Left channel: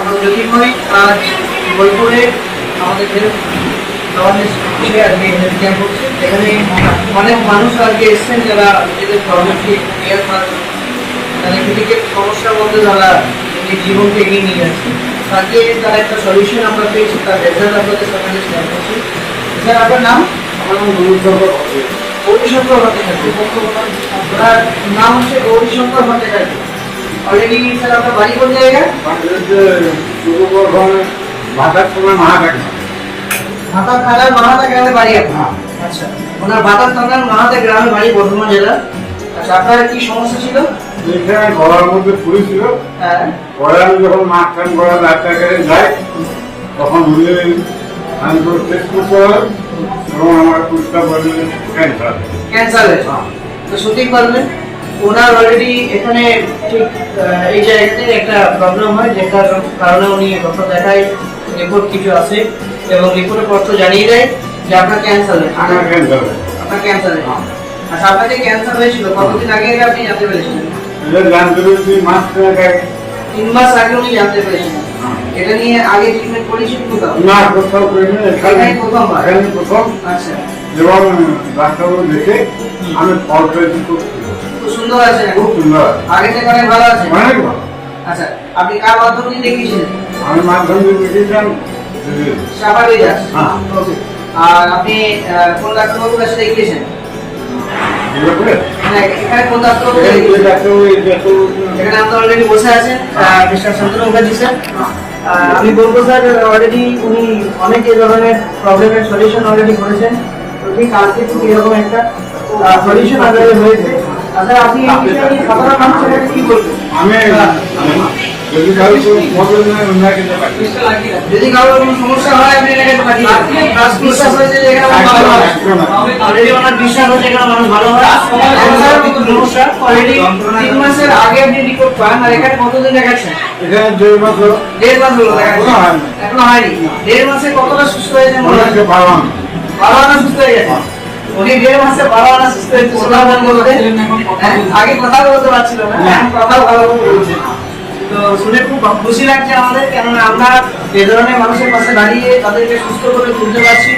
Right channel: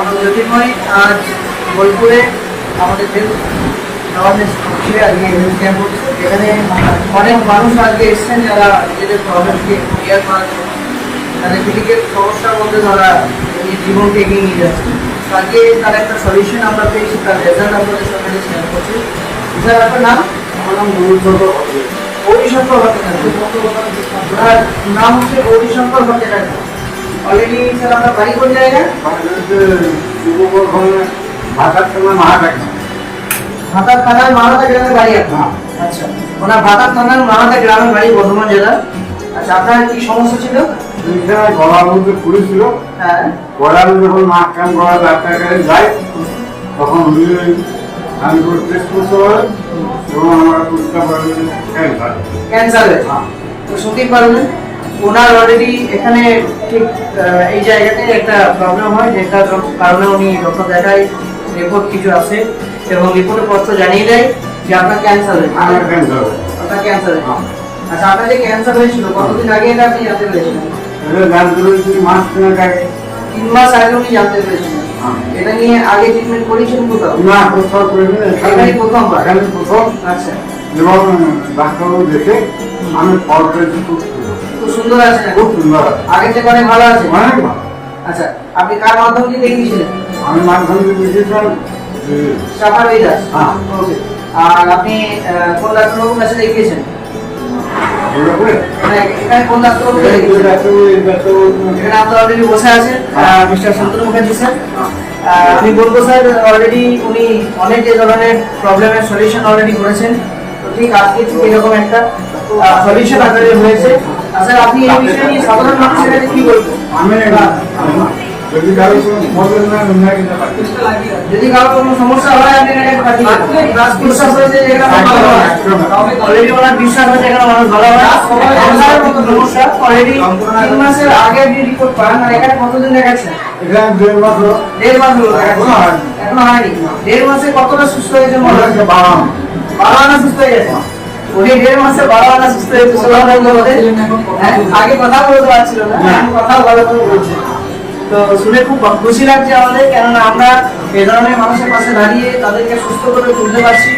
আমরা জ্যোতির্ময় আজ বোলপুরে আমাদের হেলথ অ্যাওয়ারনেস হচ্ছে আজকে হেলথ ক্যাম্প হচ্ছে এখানে অনেক মানুষ আজকে এসেছেন যারা নিজেদের প্রবলেমকে ক্লিয়ার করার জন্য। তাদের ক্রিটিক্যাল সমস্যার মধ্যে তারা জীবনকে এগিয়ে নিয়ে যাচ্ছে। আজকে তার একটা সলিউশন আমরা পেয়েছি তার রেজাল্ট আপনাদের সাথে শেয়ার করছি। স্যার আপনার নাম? আমার নাম ভট্টাচার্য। গৌরীশঙ্কর ভট্টাচার্য। নাম হচ্ছে গৌরীশঙ্কর ভট্টাচার্য। অলরেডি স্যার আপনার বাড়ি কোন জায়গায়? আমাদের যে পূর্ব বর্ধমানে ভাটার সময় মাহাটাকে ভাতার থানার মাহাতা গ্রামে বাড়ি আপনার আচ্ছা। ওনার ভাতার থানার মাহাতা গ্রামে বাড়ি বর্ধমান জেলা আচ্ছা আপনার কি সমস্যা ছিল? ওইখানে গলার মধ্যে পড়েছিল হ্যাঁ। গলার যখন মাছ কাম ডাক্তার কাছে যায় তখন উনি আমি করে টেস্ট করতে হয়। এবং আমার পরীক্ষা করে ক্যান্সার। ক্যান্সারে তো সঠিক পারলেন ওনার অলরেডি এখানে ঠিক এই জায়গাতে একটা প্রবলেম হয় যেটা কারণে উনি ডক্টর দেখায় রিপোর্ট কিছু আছে এবং রিপোর্টের পত্র জানিয়ে দেয় যে আপনার ক্যান্সার আমার ক্যান্সার আপনার ক্যান্সার। আচ্ছা আপনার যে ক্যান্সার হয়েছিল কতদিন আগে এটা আপনি জানতে পেরেছিলেন জানতে পেরেছি মাস আগে। তিন মাস আগে উনি জানতে পেরেছিলেন হ্যাঁ। এটা নিয়ে আগে ট্রিটমেন্ট করেছেন কোথাও? না কোথাও করিনি এখানে এটাই প্রথমবার? এখানে প্রথম। আচ্ছা। এবং ডাক্তারবাবু দেখে আমি ফল পেয়েছি খুব সুন্দর। আছে। খুব সুন্দর আগে থেকে অনেক ভালো আছে। অনেক ভালো। আচ্ছা আপনি কার মাধ্যমে দেখিয়েছিলেন? আমি মাধ্যমিক দেখেছিলাম যে সাফার হ্যাঁ। ওকে। আর আপনি কোন ডাক্তারবাবুর কাছে দেখিয়েছেন? বলে এখানে কোন ডাক্তারবাবু এই যে দেখিয়েছেন? ডাক্তারবাবু এই ডাক্তারবাবু এখানে আমরা অলরেডি বসে আছেন। Mister Shantanu Mukherjee sir. আমি বলব স্যার অলরেডি উনি অনেক যে ধরনের প্রবলেমের সলিউশন অলরেডি করেছেন। আজকে এরকম একটা সলিউশন আকারে হয়েছে। যদি কারও কোনো প্রবলেম না অন্য কিন্তু পাই যদি কারও কোনো সমস্যা হয় আপনি এখানে পাঠিয়ে দেবেন। শ্বাস প্রশ্বাস হয়েছে এখানে ভালো হয়। অলরেডি ওনার বিশ্বাস আছে এখানে মানুষ ভালো ক্যান্সারের মতো সমস্যা অলরেডি তিন মাসের আগে আপনি রিপোর্ট পান আর এখানে কতদিন দেখাচ্ছেন? এখানে দেড় মাস হলো। দেড় মাস হলো এখনও হয়নি। দেড় মাসে কতটা সুস্থ হয়েছে মনে বাবা বাবা আনা সুস্থ হয়ে গেছে? উনি দেড় মাসে বাবা আনা সুস্থ হয়েছে ভাই বলতে হ্যাঁ, আগে কথা বলতে পারছিল না এখন কথা ভালো করে বলছে। তো শুনে খুব খুশি লাগছে আমাদের কেননা আমরা এ ধরনের মানুষের পাশে দাঁড়িয়ে তাদেরকে সুস্থ করে তুলতে পারছি।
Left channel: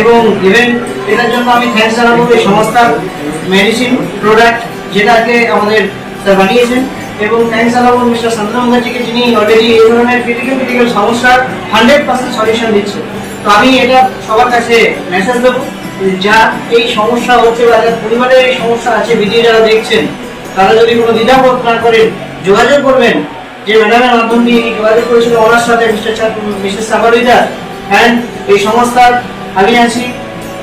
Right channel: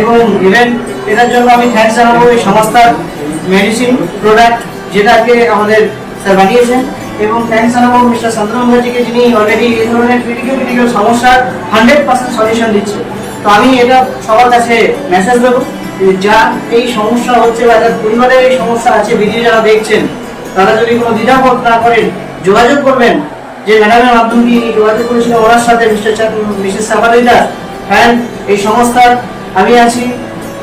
এবং ইভেন এটার জন্য আমি থ্যাংকস জানাব এই সংস্থার মেডিসিন প্রোডাক্ট যেটাকে আমাদের স্যার বানিয়েছেন। এবং থ্যাংকস জানাব মিস্টার চন্দ্র মুখার্জিকে যিনি অলরেডি এই ধরনের ক্রিটিক্যাল ক্রিটিক্যাল সমস্যার হান্ড্রেড পার্সেন্ট সলিউশন দিচ্ছে। তো আমি এটা সবার কাছে মেসেজ দেবো। এই সমস্যা হচ্ছে বা যার পরিবারের এই সমস্যা আছে, ভিডিও যারা দেখছেন, তারা যদি কোনো দ্বিধাবোধ না করেন যোগাযোগ করবেন, যে ম্যাডামের যোগাযোগ করেছিলেন ওনার সাথে, মিস্টার মিসেস অ্যান্ড এই সংস্থার আমি আছি,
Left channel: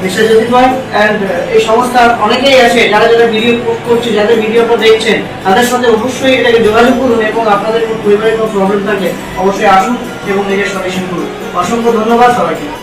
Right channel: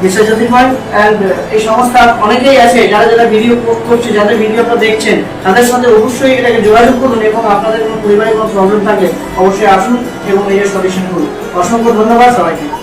মিস্টার জ্যোতির্ময় অ্যান্ড এই সংস্থার অনেকেই আছে, যারা যারা ভিডিও করছে, যাদের ভিডিওটা দেখছেন, তাদের সাথে অবশ্যই এটাকে যোগাযোগ করুন এবং আপনাদের পরিবারের কোনো প্রবলেম থাকে, অবশ্যই আসুন এবং নিজের সলিউশন করুন। অসংখ্য ধন্যবাদ সবাইকে।